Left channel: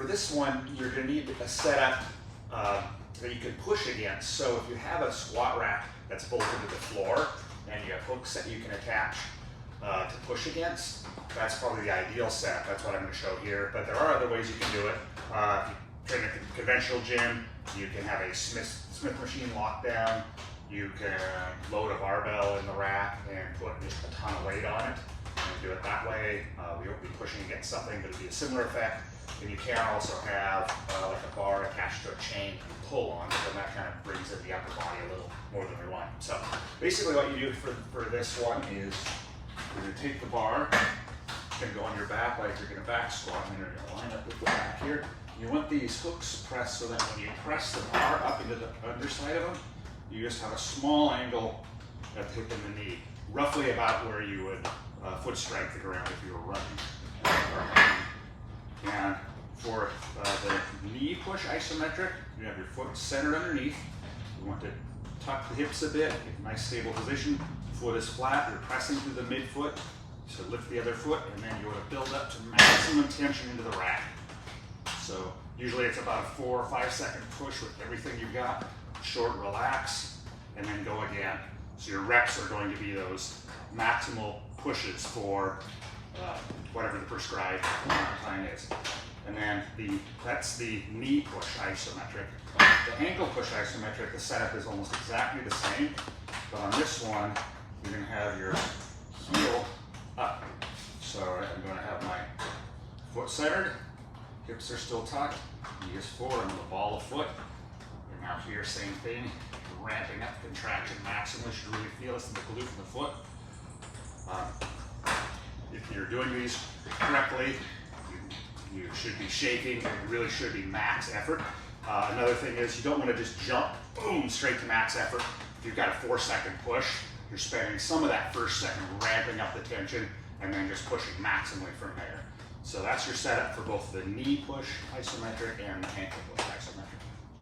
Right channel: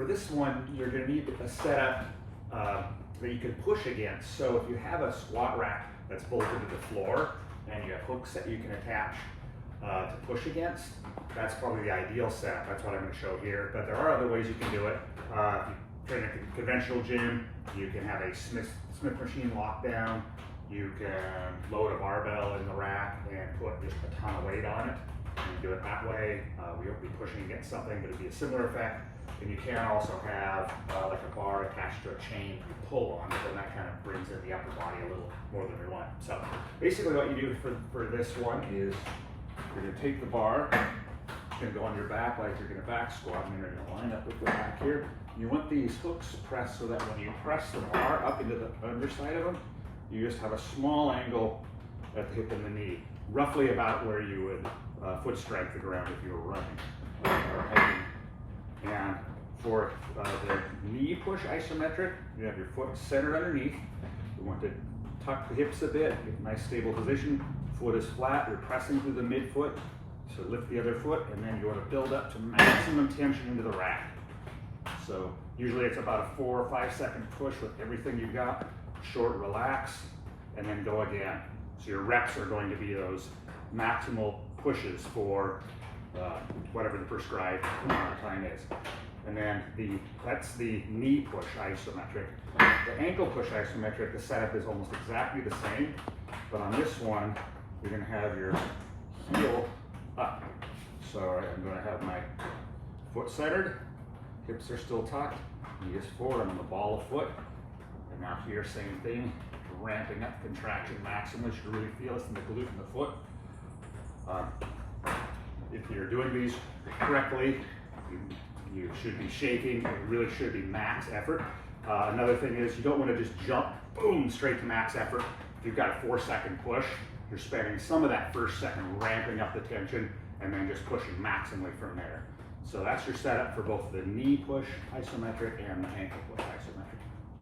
For this one, you're going to need a setup that you can push against. So if you have a squat rack that's bolted to the floor and you have hooks that you can attach to push against, that's probably the ideal setup. That's what I'm going to show here. But there are other ways you can do it. If you train at the conventional gym, you can have a Smith machine lockdown. You can load a barbell in the rack and put just a ton of weight on it and do it that way. We won't be pushing against something, but it'll be a similar effect. And you can also have like a bar attached to a chain and pull on, but then that kind of brings in the upper body a little more than we want. So basically what you do for this one is you're going to take the bar, you're going to go on your back like you're going to back squat, and then you're going to line up with the back here. You want these hooks pressed so that when you press the bar up into the underside of them, you just have a small angle at the hip and the knee, roughly about where you would foot strike the ground if you were running or hiking. And for the knee push isometric, you have your foot centered underneath. You want to tuck the hips a bit, get a nice stable position. Foot is flat, you're pressing through the midfoot. So lift the other foot, and then you want to build up to maximum tension into the rack. So usually it's about a 4 or 5 second push with everything you've got. Short, relax, and then go again. So your reps are going to be those maximal pushes for whatever the prescribed time is. And then that's the knee push isometric. The ankle push isometric, the setup is almost exactly the same, but on this one, you're going to have your heel up. So I'm going to have my foot centered, hips are still tucked, knee is forward, I'm on the ball of foot. And now here, same thing, ramping up, contraction maximum. You should really feel this in the glute and the foot. If you're doing these correctly, you should be shaking, and it really should be max effort. Another thing is you don't want to just jump, boom, straight to max effort. If you've got a 4 second push, you're spending some of that first second ramping up the tension and then just pushing maximally from there. So that's your setup for both the knee push isometric and the ankle push isometric.